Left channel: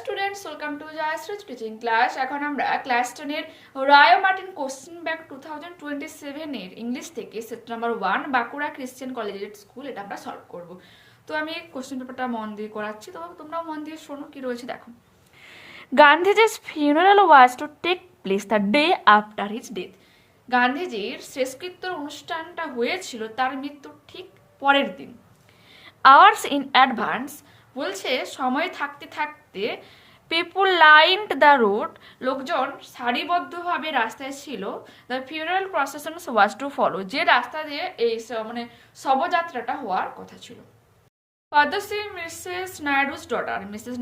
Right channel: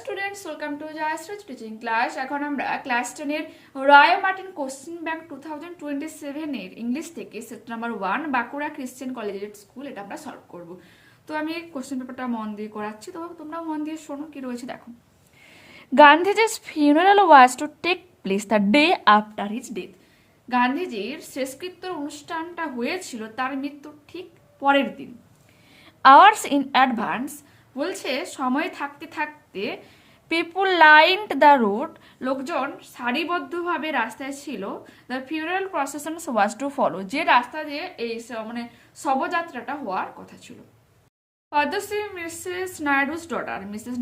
students, welcome to Jayashri teaching class. এখন আমরা class 10 এর রয় মার্টিন কোশ্চেন ব্যাংক 2027 এর ইংলিশ থেকে set number 1 Bankura Christian collegiate school এটা আমরা সলভ করব। তো আমি কোশ্চেন পেপারটা মন দিয়ে করাচ্ছি, তো তোমরা মন দিয়ে শোনো কি রয়েছে দেখো। গান্ধীজির funeral was to take place the day after his death. গান্ধীজির শেষকৃত্যের অনুষ্ঠানটা হয়েছিল তার মৃত্যুর ঠিক পরের দিন। Hours in advance বলছে সময় থাকতে থাকতে পিপুল লাইনড দ্য রোড, লোকজন সারিবদ্ধভাবে রাস্তায় ছিল। The funeral procession was to follow, যে রাস্তা দিয়ে এই মানে শবযাত্রাটা হওয়ার কথা ছিল। পদ্মশ্রী মিসেস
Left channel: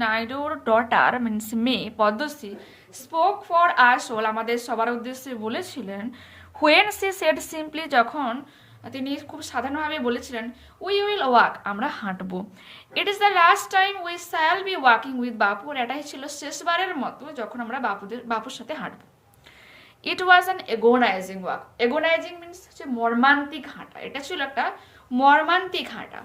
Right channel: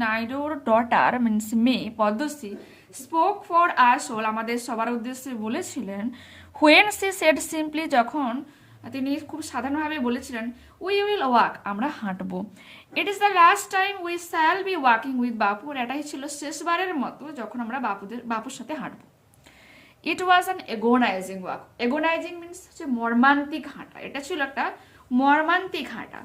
নাইডুর ডটার মিনস মে Padmashri spoke for us all, আমাদের সবার উদ্দেশ্যে বলেছিলেন। হোয়েন সি সেড সিম্পলি, যখন তিনি খুব সাধারণভাবে বলেছিলেন, উই উইল ওয়াক, আমরা হাঁটবো। It is the last time we shall be walking with বাপুর, এটাই ছিল শেষবারের মতো যখন আমরা বাপুর সাথে হাঁটবো। It was an এগোনাইজিং walk, agonising means হচ্ছে মর্মান্তিক হাঁটা, এটা ছিল একটা মর্মান্তিক হাঁটা।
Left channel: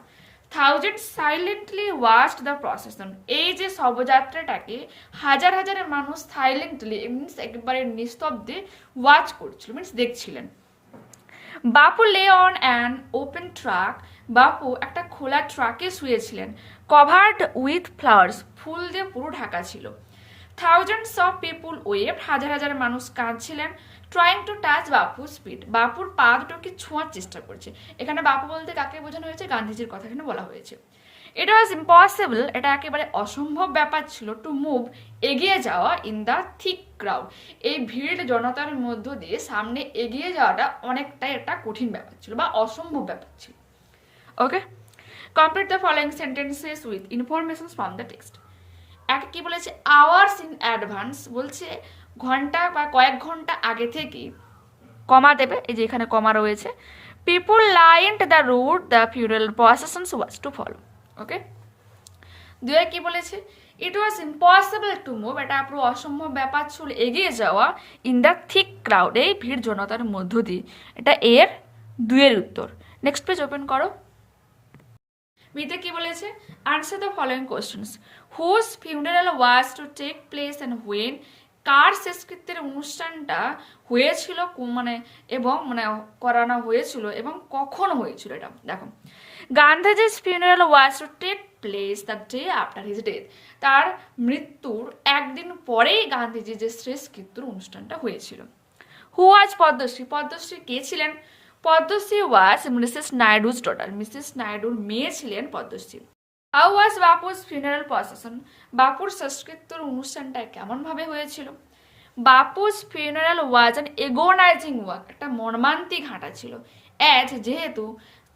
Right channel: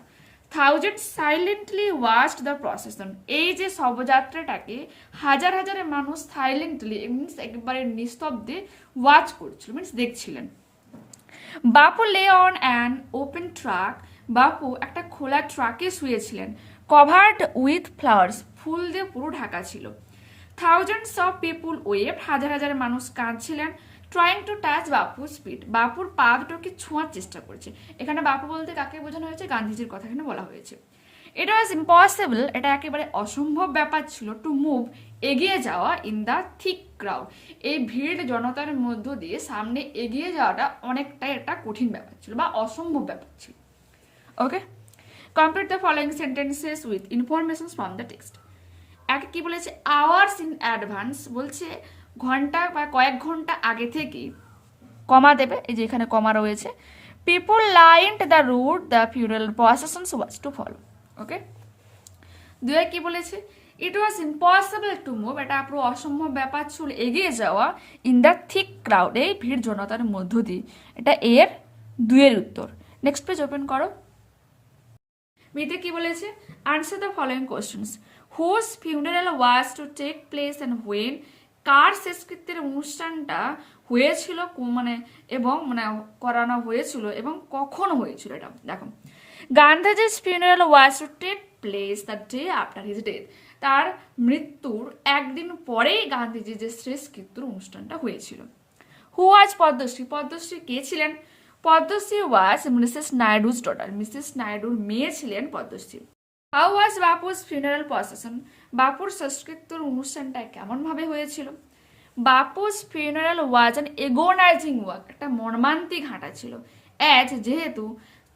Thousand silently watched the procession, এই যে শবযাত্রাটাকে হাজার হাজার মানুষ সাইলেন্টলি মিনস একেবারে নিস্তব্ধে ওয়াচ করছিল, মিনস দেখছিলেন। বাপু lay on an open truck, বাপু একটা খোলা ট্রাকে শুয়েছিলেন। কভার্ড উইথ ফ্লাওয়ার্স, ফুল দিয়ে পুরো ঢাকা ছিল। থাউজেন্ডস অফ পিপুল ওয়েভড, হাজার হাজার মানুষ কাঁদছিলেন। ট্রাইং টু টাচ বাপুর স্পিড, বাপুর পা দুটোকে ছোঁয়ার চেষ্টা করছে। এখানে বাপু বলতে কাকে বোঝানো হয়েছে? গান্ধীজির কথা এখানে বলা হয়েছে। ইট ওয়াজ ইম্পসিবল, এটা একেবারে অসম্ভব ব্যাপার ছিল। টু মুভ, এগিয়ে যাওয়া। ইন দ্য থিক ক্রাউড, এই ভিড় জনতার মধ্য দিয়ে সামনে এগিয়ে যাওয়াটা অনেকটাই একটা কঠিন ব্যাপার ছিল বা অসম্ভব ব্যাপার ছিল। Okay, complete the following sentences with information from the text. একটা কি বলেছে? আওয়ার্স ইন অ্যাডভান্স, বলছে ঘন্টা বা কয়েক ঘন্টা আগে থেকে কমা দেবে, এই যে এখানে কমা রয়েছে। People lined the route, the funeral processions was to follow. Okay, দুয়ে কি বলেছে? It was impossible to move, এটা পুরো অসম্ভব ব্যাপার ছিল এগিয়ে যাওয়া। ইন দ্য থিক ক্রাউড, এই ভিড় জনতার মধ্য দিয়ে, এটা এর দুয়ের উত্তর। নেক্সট পেজ ওপেন করো। বিতে কি বলেছে? Answer the following questions. Whose funeral was to take place and when, কার শেষকৃত্যের অনুষ্ঠানটা হয়েছিল মানে এবং মানে করানো হয়েছিল এবং কখন হয়েছিল, এটা দেখো। গান্ধীজির funeral was to take place the day after his death, তার মৃত্যুর একদিন পরেই গান্ধীজির যে শেষকৃত্যের অনুষ্ঠানটা হয়েছিল। হু ওয়াজ পদ্মশ্রী, পদ্মশ্রী কে ছিলেন? পদ্মশ্রী ওয়াজ মিসেস নাইডুর ডটার, মিসেস নাইডুর মেয়ে ছিলেন Padmashri. How was Bapu's funeral procession, বাপুর শেষকৃত্যের অনুষ্ঠানটা কেমন ভাবে হয়েছিল? Bapu's funeral was an এগোনাইজিং walk, একটা মর্মান্তিক হাঁটা ছিল। অ্যাজ, যেহেতু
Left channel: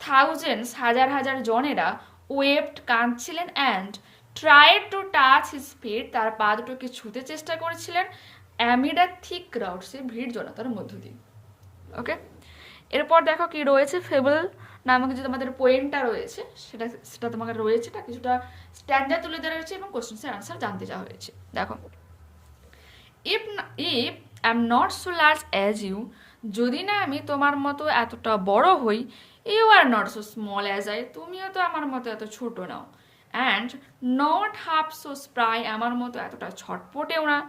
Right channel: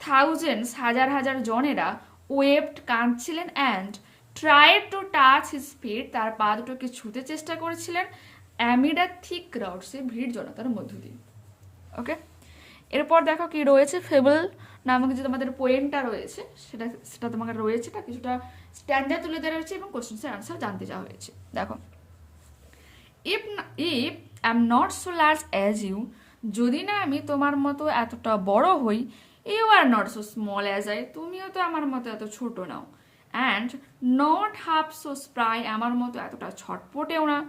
থাউজেন্ডস, হাজার হাজার জনেরা ওয়েভড, কাঁদছিলেন। And tried to touch his feet, তার পা দুটোকে ছুঁতে চেষ্টা করেছিলেন। অ্যামিড আ থিক ক্রাউড, সে ভিড় জনতার মধ্য দিয়ে। ওকে, এরপর দেখো কি রয়েছে। ফেবল নামক যে তোমাদের পোয়েমটা রয়েছে সেটা তোমাকে রয়েছে, এটা কিছুটা স্ট্যান্ডার্ড তুলে দেওয়া হয়েছে এবং কোশ্চেন্সের আনসার জানতে চাওয়া হয়েছে। দেখো, if I am not so large as you, যদি না আমি তোমার মতো এতটা বড় হই। You are not so small as I, তুমিও তো আমার মতো এত ছোট নাও। And not half so spry, আমার মতো এতটা ছটপটেও না।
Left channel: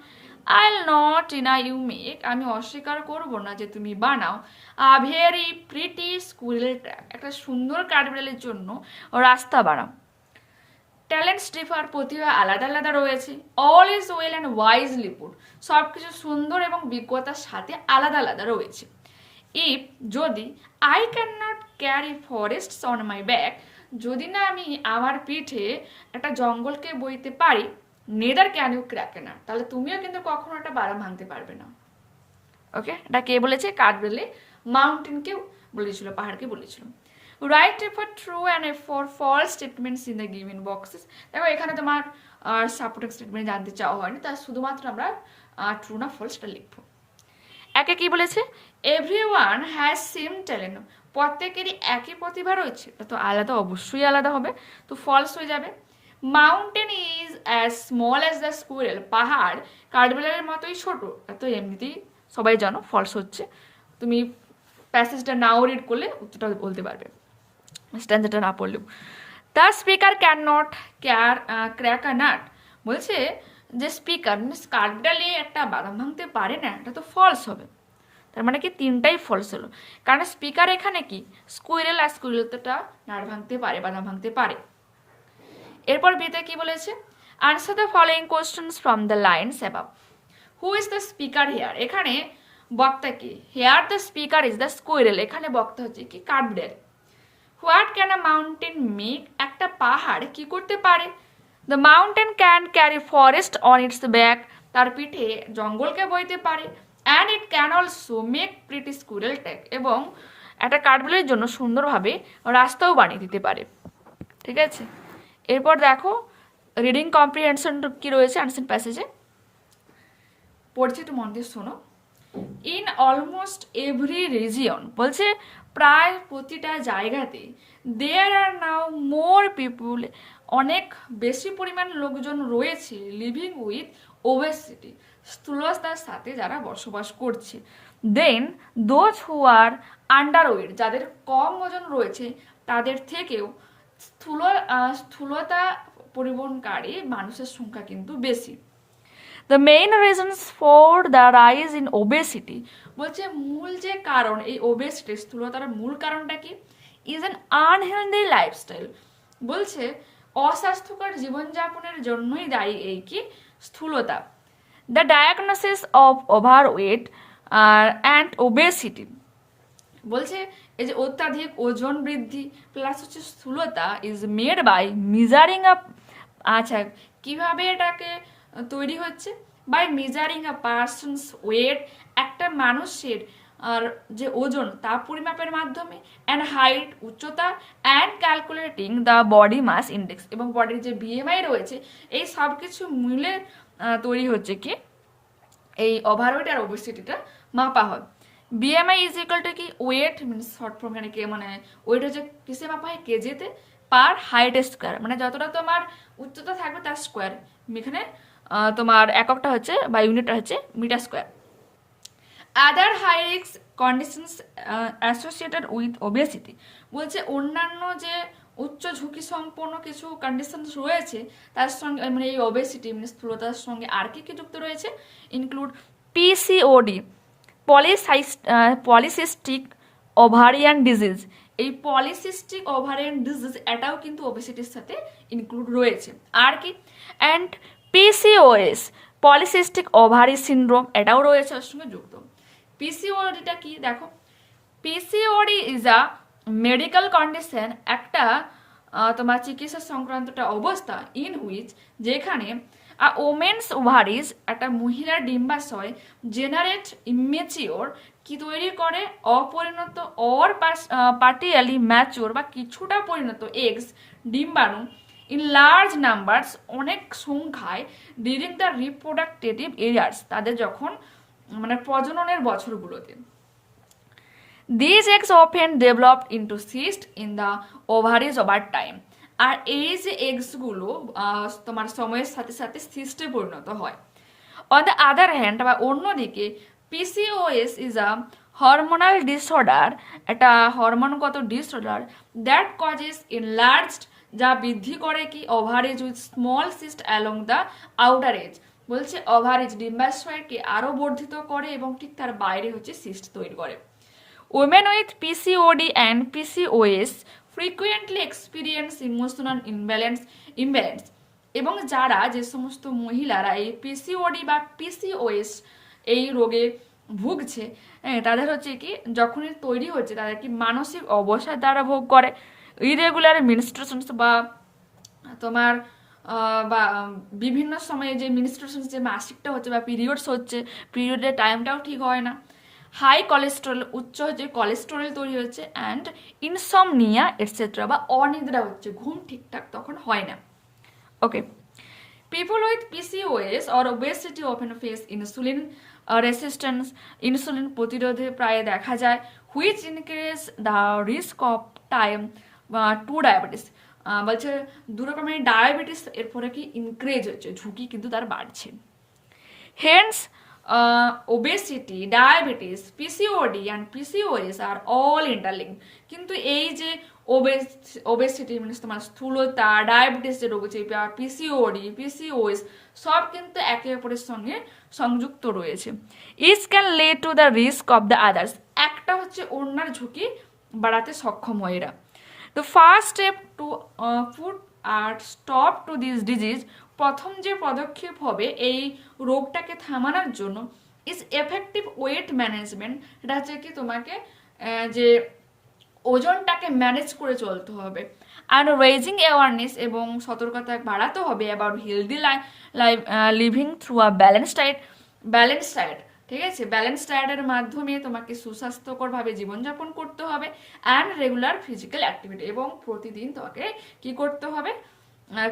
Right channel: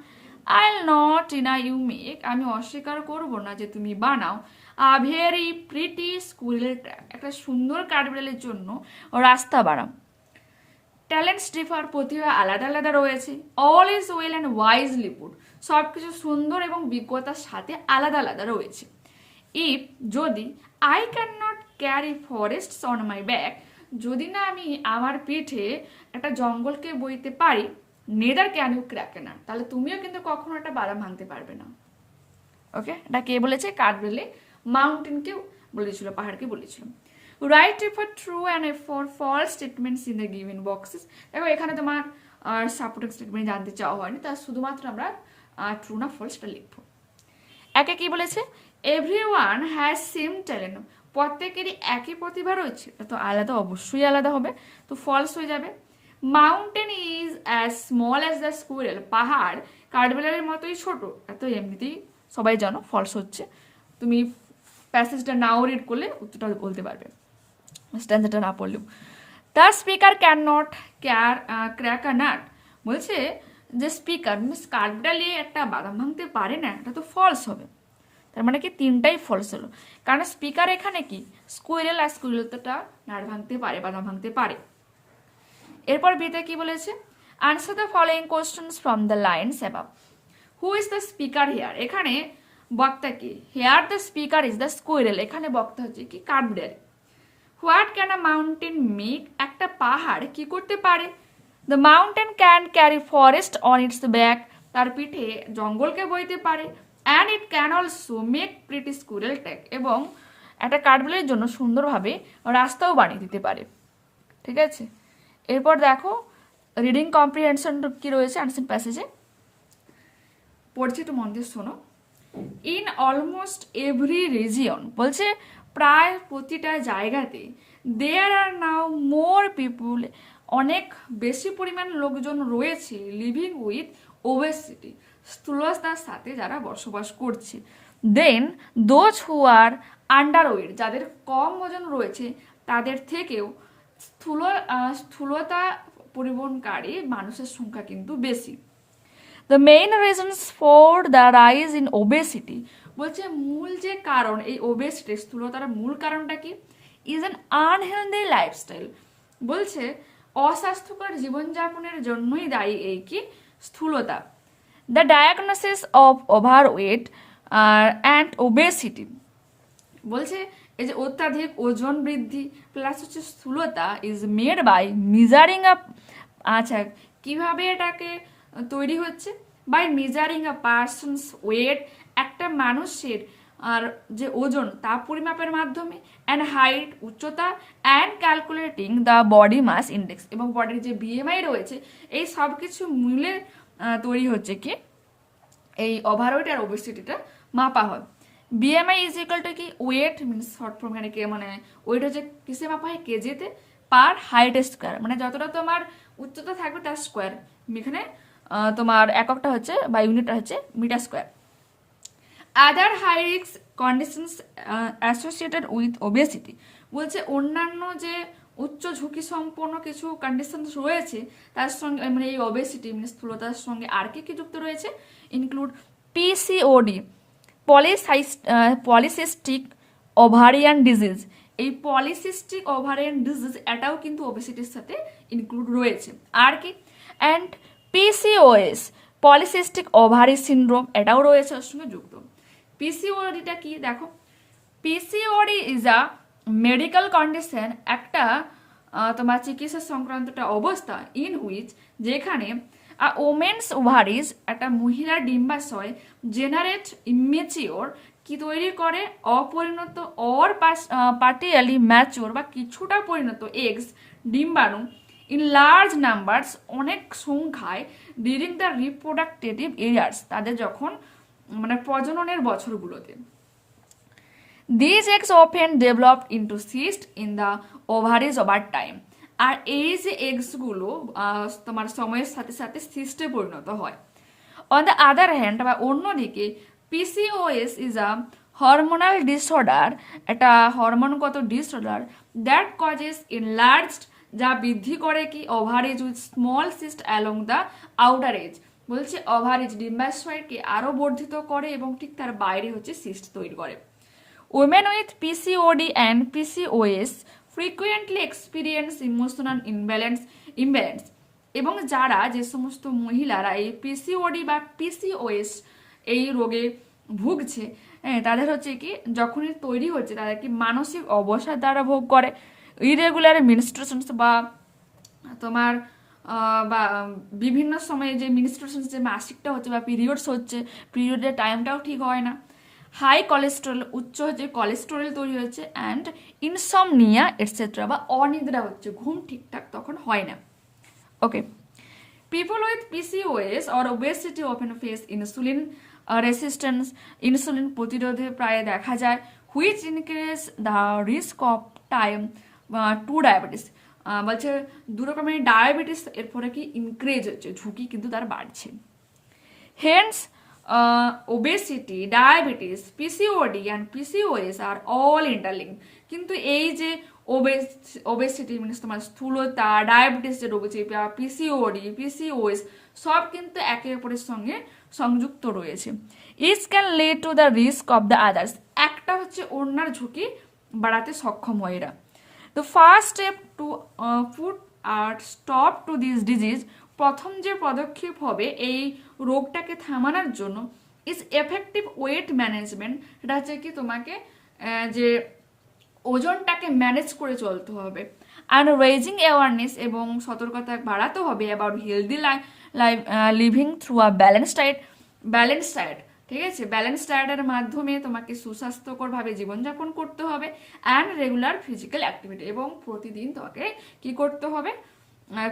I not deny you make, আমি অস্বীকার করব না যে তুমি বানাও। A very pretty squirrel track, একটা সুন্দর কাঠবিড়ালির জন্য রাস্তা বানাও। ট্যালেন্টস ডিফার, প্রতিভা আলাদা আলাদা রয়েছে। All is well and wisely put, সব কিছু সুন্দর এবং বিজ্ঞতার সাথে আলাদা আলাদা রয়েছে। ইফ, যদি, I can not carry forests on my back, যদি না আমি আমার পিঠে একটা জঙ্গলকে বইতে পারি। Neither can you crack a nut, তাহলে তুমিও কিন্তু কখনো একটা বাদাম ভাঙতে পারবে না। ওকে, এটা কে বলেছে? কাঠবিড়ালি মাউন্টেনকে বলেছিল, পাহাড়কে বলেছিল। Write for true and for false statements in the given boxes, দেখো এখানে তোমার সাপোর্টিং স্টেটমেন্ট জানতে চাওয়া হয়নি, তার শুধুমাত্র আমরা ট্রু না ফলসটা লিখবো। একে কি বলেছে? এভরিওয়ান হ্যাজ সেম ট্যালেন্ট, প্রত্যেকেরই একই প্রতিভা রয়েছে, এটা তো আলাদা, অবশ্যই আলাদা হবে, তো ফলস হয়ে যাবে। Mountain is as small as the squirrel, পাহাড় কাঠবিড়ালির মতোই ছোট, এত এমনিতেই সবাই জানো, ফলস হচ্ছে। তুমি প্যাসেজটা নাও রিড করলে উত্তরটা বলতে পারবে, স্ট্যান্ডার্ডটা না পড়লেও। The speaker can not crack a nut, বলছে যে স্পিকার মিনস কাঠবিড়ালি একটা বাদাম ভাঙতে পারে না, এটা তো ফলস হবে। তার মানে কি তিনটাই ফলস হলো, কারণ স্পিকার এখানে কি স্কুইরেল, আর স্কুইরেলটা নাট ভাঙতে পারে, বাদাম ভাঙতে পারে। এরপর বিতে কি বলেছে, answer the following questions from the lines above. Who is the speaker here, এখানে বক্তা কি, here the speaker is the squirrel, এখানে বক্তা হচ্ছে কি কাঠবিড়ালি। What can a mountain make, একটা পাহাড় কি করতে পারে। The mountain can carry forest on its back, তার পিঠে জঙ্গলকে বইতে পারে। And it can also make pretty squirrel track, এবং একটা কাঠবিড়ালির জন্য সুন্দরভাবে রাস্তাও বানিয়ে দিতে পারে। ঠিক আছে, এরপর দেখো রিডিং কম্প্রিহেনশন কি রয়েছে আনসার প্যাসেজে, পড়ছি একটু মন দিয়ে শোনো। ইন অলমোস্ট এভরি রিজিয়ন, বলছে প্রায় প্রতিটা জায়গাতে, দেয়ার আর নাও মোর পিপুল, অনেক বেশি পরিমাণ লোকজন রয়েছে, লিভিং উইথ ওবেসিটি, স্থূলতার সাথে যারা বসবাস করছে। Then those who are under weight, যাদের কম ওজন রয়েছে তাদের থেকেও স্থূলতা পরিবহনকারী মানুষের সংখ্যা কিন্তু বেশি। The main reasons for the rise in obesity, বলছে মূল যে কারণ এই ওবেসিটি স্থূলতার মূল কারণটা কি, ইজ অ্যান আনহেলদি লাইফস্টাইল, বলছে অস্বাস্থ্যকর জীবনযাপনের জন্যই দায়ী এই কি স্থূলতা। The diagnosis of overweight and obesity, বলছে এই যে অত্যাধিক ওজন বৃদ্ধি প্লাস হচ্ছে স্থূলতা is made by measuring up, আচ্ছা কিভাবে এটাকে তৈরি হচ্ছে, by measuring a person's weight, একটা মানুষের আর যে ওজন তা পরিমাপের মাধ্যমে, অ্যান্ড হাইট উচ্চতা, and calculating the body mass index, এবং বডির যে বিএমআই রয়েছে এই সব কিছু মিলে তৈরি হচ্ছে কি এই ওভারওয়েট আর ওবেসিটিটা মাপা হয়। বিএমআই ইজ ইকুয়াল টু কি ওয়েট মিনস শর্ট ফর্ম, এখানে কে মানে ওয়েট হচ্ছে কিসে মাপা হয় কেজিতে, পার হাইট স্কোয়ার, মানে যতটা তোমার উচ্চতা থাকবে তার স্কোয়ার, এখানে তোমার এককটা হচ্ছে বা ইউনিটটা হচ্ছে metre square. Other high risk conditions associated with obesity, বলছে অন্যান্য যে উচ্চ ঝুঁকি সম্পন্ন কিছু কন্ডিশন রয়েছে তার সঙ্গে মানে এই ওবেসিটি মানে স্থূলতার সঙ্গে আর কি কি যুক্ত রয়েছে, include PCOD, polycystic ovarian disease, এই পলিসিস্টিক ওভারিয়ান ডিজিজ এটাও কিন্তু ওবেসিটির সাথে ইনক্লুড রয়েছে। আর কি, and PCOS, polycystic ovary syndrome, এটাও রয়েছে ওর সঙ্গে যুক্ত। পিসিওডিটা কি দেখো, PCOD is a medical condition, একটা তোমার চিকিৎসা সংক্রান্তটা অবস্থা, ইন হুইচ যেখানে ওমেন্স ওভারিজ, একটা মহিলার ডিম্বাশয় জেনারেট ইমেচিওর, কি তৈরি করে অপরিণত অর পার্টিয়ালি ম্যাচিওর বা কিছুটা পরিণত এগস, ডিম্বাণু, ইন লার্জ নাম্বারস, অনেক সংখ্যায়, ডিউরিং দ্য রিপ্রোডাক্টিভ ইয়ার্স, তাদের যখন মানে প্রজননের বছরগুলোতে। This eggs often developed into cyst in the ovaries over time, আর এই যে এগসগুলো তোমার সময়ের সাথে সাথে সিস্টে পরিণত হয়। অন দ্য আদার হ্যান্ড, বা অন্যদিকে PCOS is a hormonal disorder, একটা হরমোনগত ডিসঅর্ডার, দ্যাট কজেস এনলার্জড, যা বৃদ্ধি করে কি average with small cyst along the outer age, বলছে ওভারেজ ডিম্বাশয়কে আরো বর্ধিত করে এবং ঠিক তার বাইরে হচ্ছে সিস্ট তৈরি করে। Women with PCOD and PCOS frequently experience emotional imbalance, এবং যারা যে সমস্ত মহিলারা এই পিসিওডি বা পিসিওএস এই রোগে ভুগছে, তাদের হচ্ছে কি যখনই তৈরি হচ্ছে তাদের কি মানসিক অবসাদ দ্বারা ভোগ করে, ইরেগুলার মিনস্ট্রুশনস বা তোমার বা বিভিন্ন সময়ে যে মিনস্ট্রুশনস যে মাসিকটা হচ্ছে বা পিরিয়ডস হচ্ছে, পিরিয়ডের টাইমটাও ঠিক হয় না, হাই কোলেস্টেরল, উচ্চ যে কোলেস্টেরল তৈরি হচ্ছে, অ্যান্ড ইনসমনিয়া এটসেট্রা, বা অনিদ্রা হচ্ছে, ঘুম ঠিকঠাক তখন হয় না। Okay, people with PCOS or obesity often face insulin resistance, insulin প্রতিরোধে প্রায় দেখা যায়, which increase the risk of type two diabetes, বলছে দু রকমের ডায়াবেটিস এর ফলে কি ইনক্রিজ হচ্ছে, ঝুঁকি কিন্তু তার বাড়ছে। Hence obesity, diabetes, PCOD and PCOS are all interlink, কিন্তু এই যে ওবেসিটি মানে তোমার স্থূলতা, ডায়াবেটিস যে রোগ হচ্ছে, পিসিওডি, পিসিওএস সব কিন্তু একে অপরের সঙ্গে সংযুক্ত রয়েছে। Each can lead to the risk of the others, একটা হচ্ছে অন্যার ঝুঁকি বাড়াতে সক্ষম হয় এরা। The first step to put a stop to this disease, প্রথম যে পদক্ষেপ হবে এই রোগটাকে থামানোর জন্য, ইজ এফেক্টিভ ওয়েট ম্যানেজমেন্ট, এটা হচ্ছে কি তোমাকে যে ওজনটাকে ম্যানেজ করে চলতে হবে। অ্যান্ড রেজিং অ্যাওয়ারনেস, এবং সতর্কতা বাড়াতে হবে about healthy living through a balance diet, ঠিক আছে? ব্যালেন্স ডায়েটের মাধ্যমে তোমাকে সুস্বাস্থ্যকরভাবে জীবনযাপন করতে হবে। অ্যান্ড রেগুলার ফিজিক্যাল অ্যাক্টিভিটি, এবং প্রতিদিন তোমাকে কি করতে হবে,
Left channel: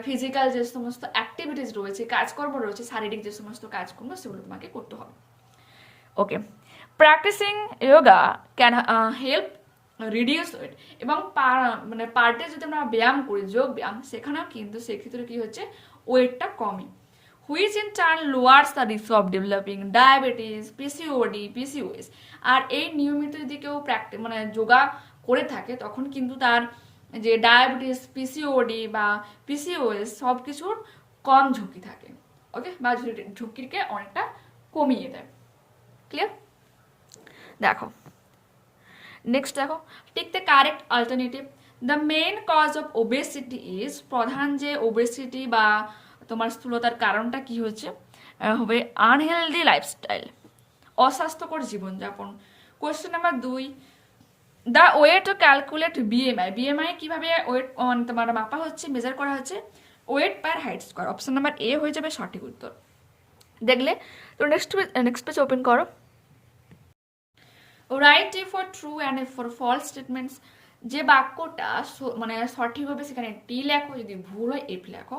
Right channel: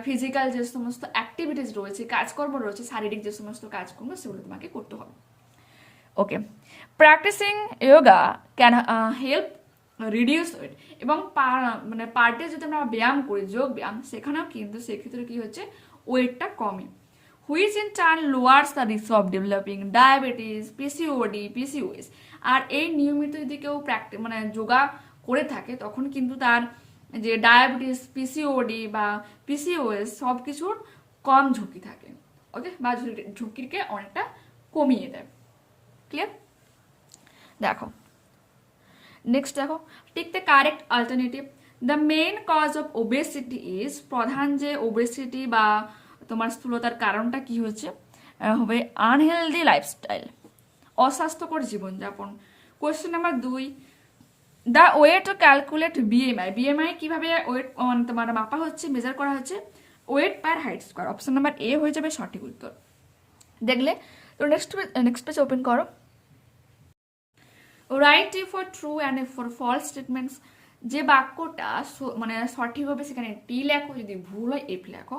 ফিজিক্যাল যে সমস্ত অ্যাক্টিভিটিস রয়েছে, কাজকর্ম রয়েছে, শারীরিক যে সমস্ত কাজকর্ম সেগুলো তোমাকে করতে হবে। Okay, practicing yoga can help reduce weight, এবং মানে পার্টে যদি আমরা ব্যায়াম করি, যোগ ব্যায়াম, সেখানেও কিন্তু সেক্ষেত্রে কি হচ্ছে, ওয়েটটা কমে। Which in turn lowers the risk of developing diabetes, PCOD, PCOS. আর এই নিয়মিত যদি কেউ মানে যোগা করে থাকে তখন কিন্তু তার যে ডায়াবেটিস, পিসিওডি বা পিসিওএস সব কিছুর কম ঝুঁকি থাকে। ওকে, বা ঝুঁকিকে অনেকটা কমিয়ে দেয়। ক্লিয়ার? দেখো নেক্সট, দেখো take the correct alternative. The main cause of obesity is, প্রধান যে ওবেসিটি বা তোমার স্থূলতার কারণটা কি হচ্ছে হবে, আনহেলদি লাইফস্টাইল, অস্বাস্থ্যকর জীবনযাপন। Question number 2, the way to calculate BMI. BMI কিভাবে ওয়েট তোমার মাপা হচ্ছে, মেজার করা হচ্ছে, weight per height square. Option number A হয়ে যাবে সঠিক উত্তর। দেখলে তো নেক্সট পেজ ওপেন করো। Write A for true and A for false statements. যে বাক্যটা মানে সঠিক হবে সেখানে টি লেখো, যদি ভুল হয় এফ লেখো।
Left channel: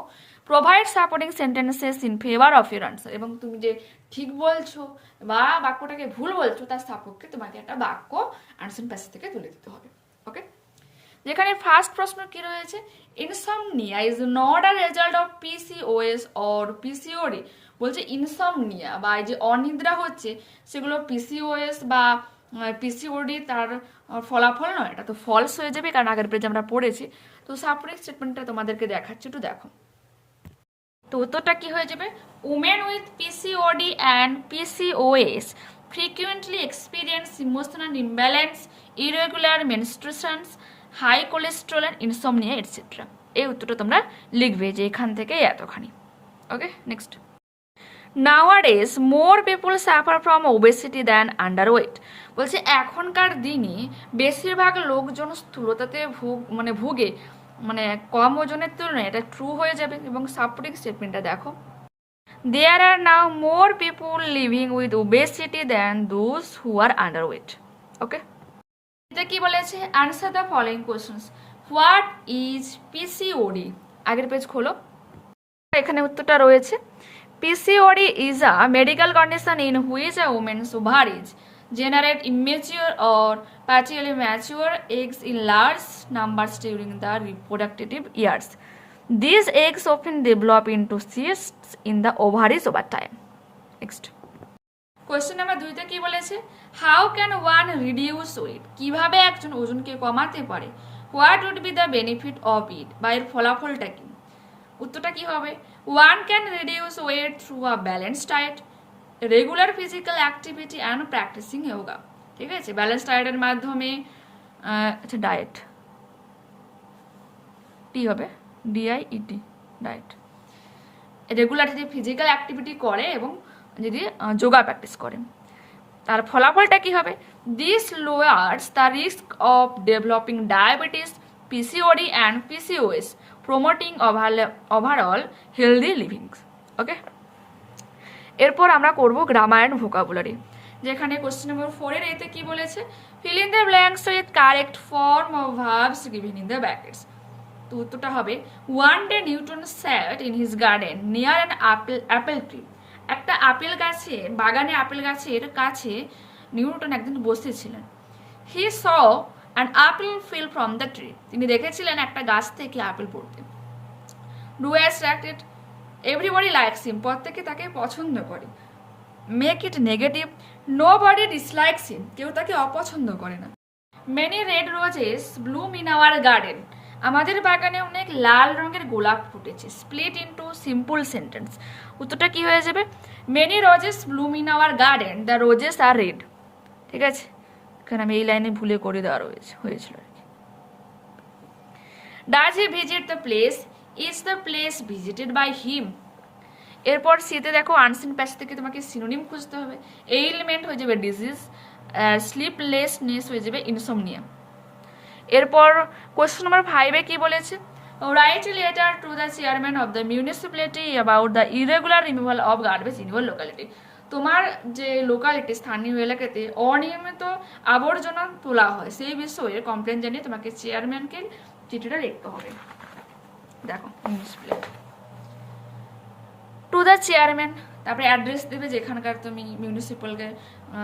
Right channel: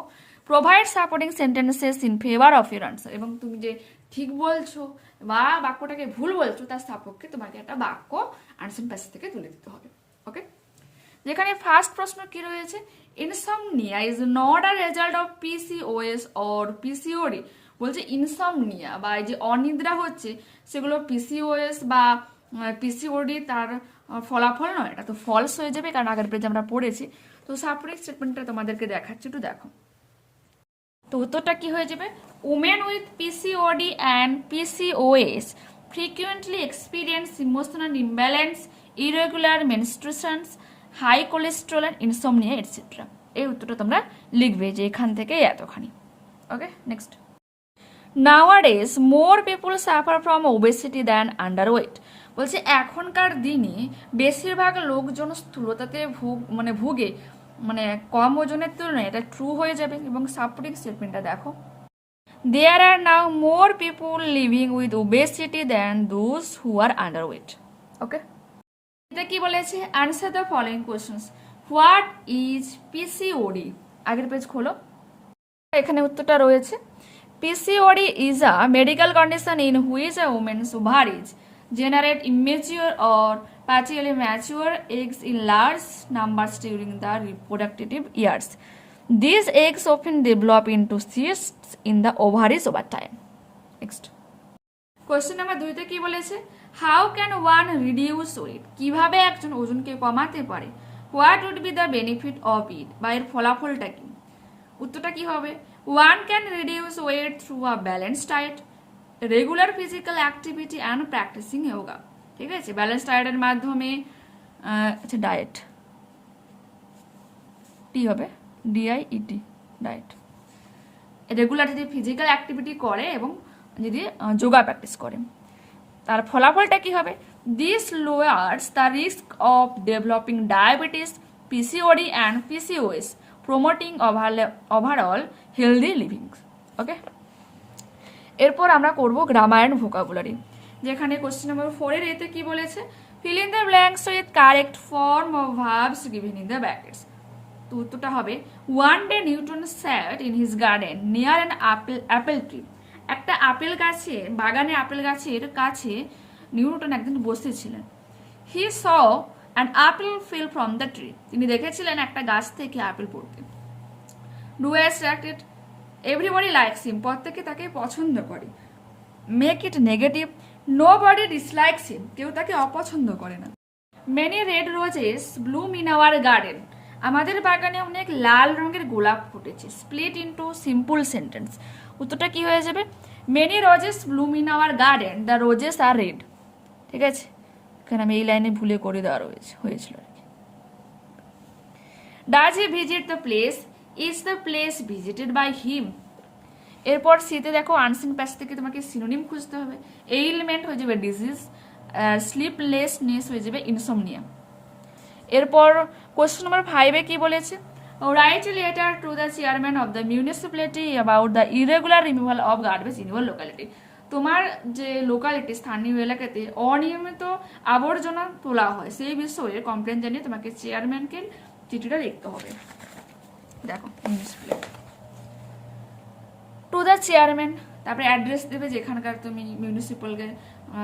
Provide supporting sentences in favour of your answer, এবং তুমি যে ঠিক বলছো বা বাক্যটাকে ভুল বলছো তার সাপেক্ষে তোমাকে একটা বাক্য আনসার প্যাসেজ থেকে তুলে দিতে হবে। ওকে, যেখানে ফার্স্ট প্রশ্ন কি রয়েছে, insomnia is not a result of PCOS or PCOD. বলছে ইনসমনিয়া বা এই যে অনিদ্রা হচ্ছে সেগুলো পিসিওএস বা পিসিওডি তার ফলাফল নয়, এটা তো ফলস হয়ে যাবে, কারণ আগের পেজে আমরা পড়েছি। তো সাপোর্টিং স্টেটমেন্টটা তোমাদেরকে দেখাচ্ছি, একটু দেখো। তো উত্তরটা কি হয়ে যাবে, women with PCOD and PCOS frequently experience emotional imbalance, irregular menstruations, high cholesterol and insomnia etcetera. এই উত্তরটা তোমরা লিখবে যে এখান থেকে এতখানি। Okay, next. Nowadays more people suffer from obesity than underweight. বলছে এখনকার দিনে বেশিরভাগ লোকজন স্থূলতাতে ভুগে, মানে কম ওজনের তুলনায় এটা ট্রু হয়ে যাবে। এবং সাপোর্টিং স্টেটমেন্টটা দেখো, there are now more people living with obesity than those who are underweight. Okay, এটা কি বলেছে, answer the following questions. What is PCOD? আগের পেজ খোলো, এখানে উত্তরটা রয়েছে। PCOD is a medical condition in which a woman's ovaries generate immature or partially mature eggs in large numbers during the reproductive years. These eggs often develop into cysts in the ovaries over time. Next. Question number 2 তে কি বলেছে, how can one reduce weight? কিভাবে একজন ওজনকে কমাতে পারে? What would be the benefit of it? বা এর ফলাফলটা কি? উত্তরটা কি হবে, one can reduce weight through a balanced diet, regular physical activity and practicing yoga. ঠিক আছে, ব্যালেন্স ডায়েটের মাধ্যমে আচ্ছা ডায়েট টি হবে, ডিআইইটি, ডায়েট। রেগুলার যদি ফিজিক্যাল অ্যাক্টিভিটি করে এবং যদি যোগা প্র্যাকটিস করে, তার ফলাফলটা কি হবে, this lowers the risk of developing diabetes, PCOD and PCOS, promoting overall healthy living. Okay, এরপর আমরা করব গ্রামার অ্যান্ড ভোকাবুলারি, যেখানে কোশ্চেন নাম্বার 4 এর এতে কি বলেছে, fill in the blanks with correct form of verbs given in the brackets. তো উত্তরটা হবে, one day Newton sat in his garden near an apple tree. একটা আপেল গাছে, বাগানে আপেল গাছের কাছে নিউটন একদিন বসেছিলেন। হি saw an apple fell from the tree. তিনি দেখেছিলেন একটা গাছ থেকে আপেল পড়তে। Do as directed, everybody likes him, প্রত্যেকে তাকে পছন্দ করে। Make it negative, nobody dislikes him, কেউ তাকে অপছন্দ করে না। Many red roses bloom in our garden, আমাদের বাগানে অনেক লাল রঙের গোলাপ ফুটেছে। স্প্লিট ইন্টু সিম্পল সেন্টেন্স, উত্তরটা কি হয়ে যাবে? Many roses bloom in our garden, the roses are red. ঠিক আছে, এখানে আমি এই লাইনে ভুলে করে দেওয়া হয়েছিল আর কি। Does he visit the place, is the place visited by him. এরপর সিতে দেখো আনসিন প্যাসেজ থেকে তোমাকে সিনোনিম খুঁজতে হবে। এইলমেন্ট হয়ে যাবে ডিজিজ, স্লিপলেসনেস হয়ে যাবে ইনসোমনিয়া। এরপর কোয়েশ্চেন নাম্বার 5-এ কি বলেছে? Write a letter to the chairman of the municipality about the irregular removal of garbage in your locality. তোমার যে লোকালিটি, স্থানীয় এলাকাতে অনিয়মিত আবর্জনা তোলা হয় সেই বিষয়ে কমপ্লেন জানিয়ে তোমাকে চেয়ারম্যানকে চিঠিটা লিখতে হবে। দেখো টু দ্য চেয়ারম্যান, তারপরে অ্যাড্রেস দেবে যেখানকার তুমি মিউনিসিপ্যালকে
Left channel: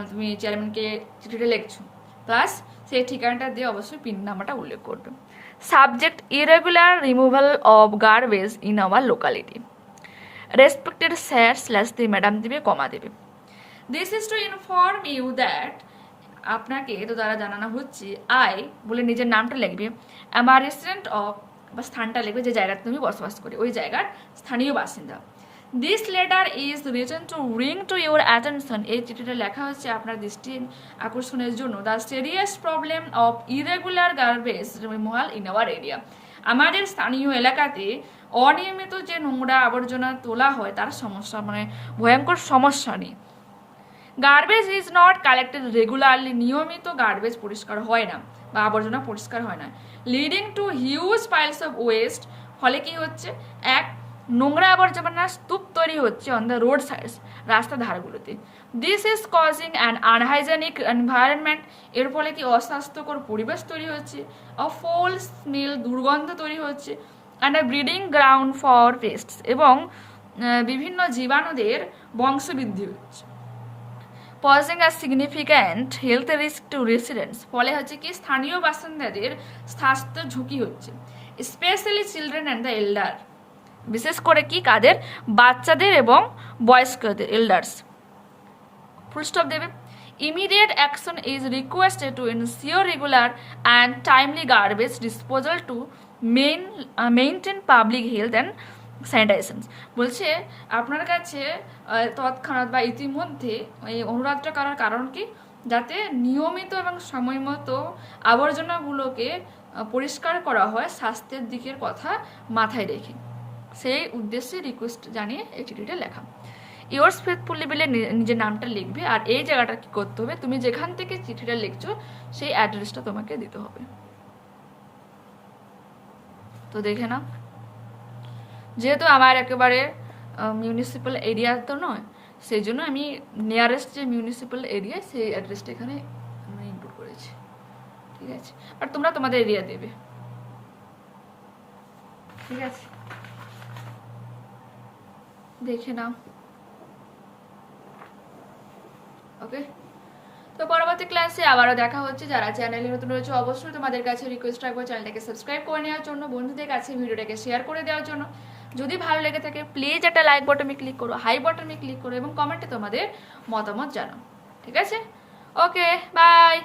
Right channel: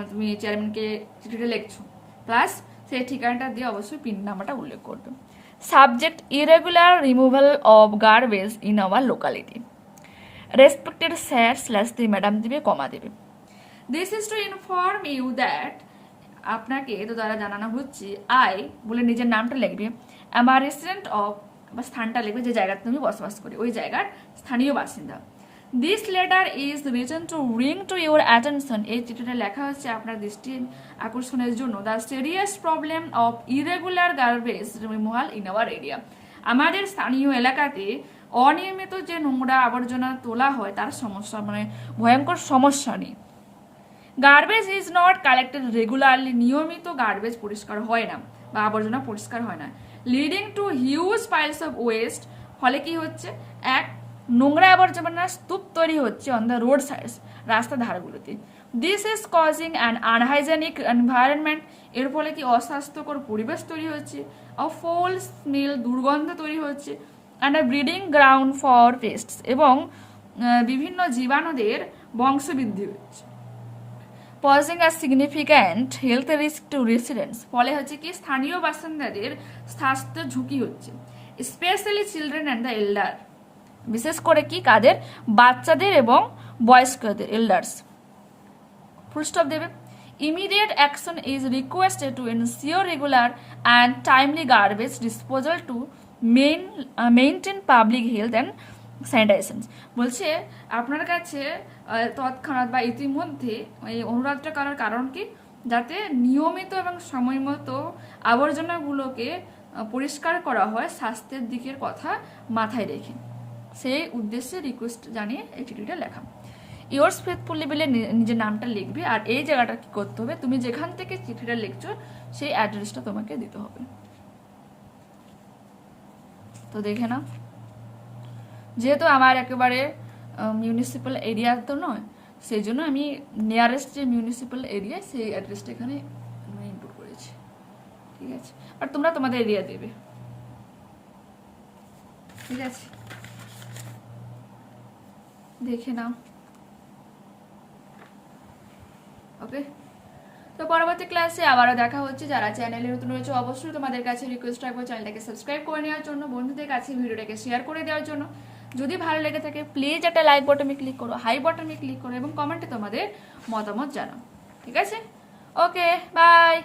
তুমি চেয়ারম্যানকে চিঠিটা লিখছো, প্লাস সেই ঠিকানাটা দিয়ে অবশ্যই পিন নাম্বারটা উল্লেখ করবে। Subject irregular removal of garbage in our locality. Respected sir slash দিয়ে ম্যাডাম দিবে, কমা দেবে। This is to inform you that, আপনাকে তো দ্বারা জানানো হচ্ছে, আই বলে নিজের নামটা লিখবে, অ্যাম আ রেসিডেন্ট অফ, বা স্থানটা লিখবে যে জায়গাতে তুমি বসবাস করি, ওই জায়গার স্থানীয় বাসিন্দা। This letter is written to bring to your attention, এই চিঠিটা লেখা হচ্ছে আপনার দৃষ্টি আকর্ষণের জন্য, the serious problem of irregular garbage removal in our area, আমাদের স্থানীয় এলাকাতে অনিয়মিত যে নোংরা আবর্জনা তোলা হয় তার সমস্যা, মানে ভয়ঙ্কর সমস্যা নিয়ে। Garbage is not collected regularly, নিয়মিত গার্বেজ পরিষ্কার হয় না বা আবর্জনা পরিষ্কার হয় না। Leading to huge piles of West, ফলে কি হচ্ছে? এক, নোংরা আবর্জনার স্তূপ তৈরি হচ্ছে অন দ্য রোড সাইডস, রাস্তার ধারগুলোতে। This is causing an unhygienic environment, এর ফলে কি অস্বাস্থ্যকর পরিবেশ তৈরি হচ্ছে। অ ফোল স্মেল, দুর্গন্ধ তৈরি হচ্ছে। And a breeding ground for pests, এবং বিভিন্ন জীবাণুদের বংশবৃদ্ধি হচ্ছে। Posing a significant health risk to residents, ফলে হচ্ছে কি স্থানীয় বাসিন্দাদের স্বাস্থ্যের ঝুঁকি হচ্ছে। Specially children and the elder, বিশেষ করে কি কাদের? বাচ্চাদের এবং বয়স্কদের, এল্ডার্স। ফুল স্টপ দেবে। Immediate action is requested to ensure regular and timely garbage disposal to maintain public health and sanitization. বলছে আপনার কাছে তৎক্ষণাৎ বা ইতিমধ্যে এই অনুরোধটা করার কারণ কি? যাতে নিয়মিত এবং সময় মতো আবর্জনাগুলোকে পরিষ্কার করা হয়, স্বাস্থ্যের দিকের কথা মাথায় রেখে, সেই উদ্দেশ্যে রিকোয়েস্ট জানিয়ে এই চিঠিটা লেখা। ইয়োর্স ফেথফুলি বলে নিজের নামটা লিখবে, আর এই জায়গাটা কি করতে হবে? তুমি যেখান থেকে চিঠিটা লিখছো সেই অ্যাড্রেসটা তোমাকে দিতে হবে। তো দেখে নাও, যেহেতু আমার একেবারে মিউনিসিপ্যাল এরিয়া তো নয়, সেই জন্য আমি নিয়ারেস্ট যে মিউনিসিপ্যাল এরিয়া সেই অ্যাড্রেসটা এখানে আমি ইনপুট করেছি। ঠিক আছে, আর তোমরা তোমাদের এরিয়া দেবে। ঠিক আছে, দেখে নাও। ওকে, তো পরবর্তী ক্লাসে আবারও দেখা হচ্ছে। যারা চ্যানেলে নতুন রয়েছে অবশ্যই তোমাদের কাছে রিকোয়েস্ট রাখবো চ্যানেলটাকে সাবস্ক্রাইব করে নেওয়ার জন্য, বন্ধুদের কাছে ভিডিওটাকে শেয়ার করে দেওয়ার জন্য। যদি ভালো লেগে থাকে প্লিজ একটা লাইক বাটনে ক্লিক করো, হাই বাটনে ক্লিক করো এবং কমেন্টে তোমাদের মতামত জানাও। ঠিক আছে, ওকে, বাই।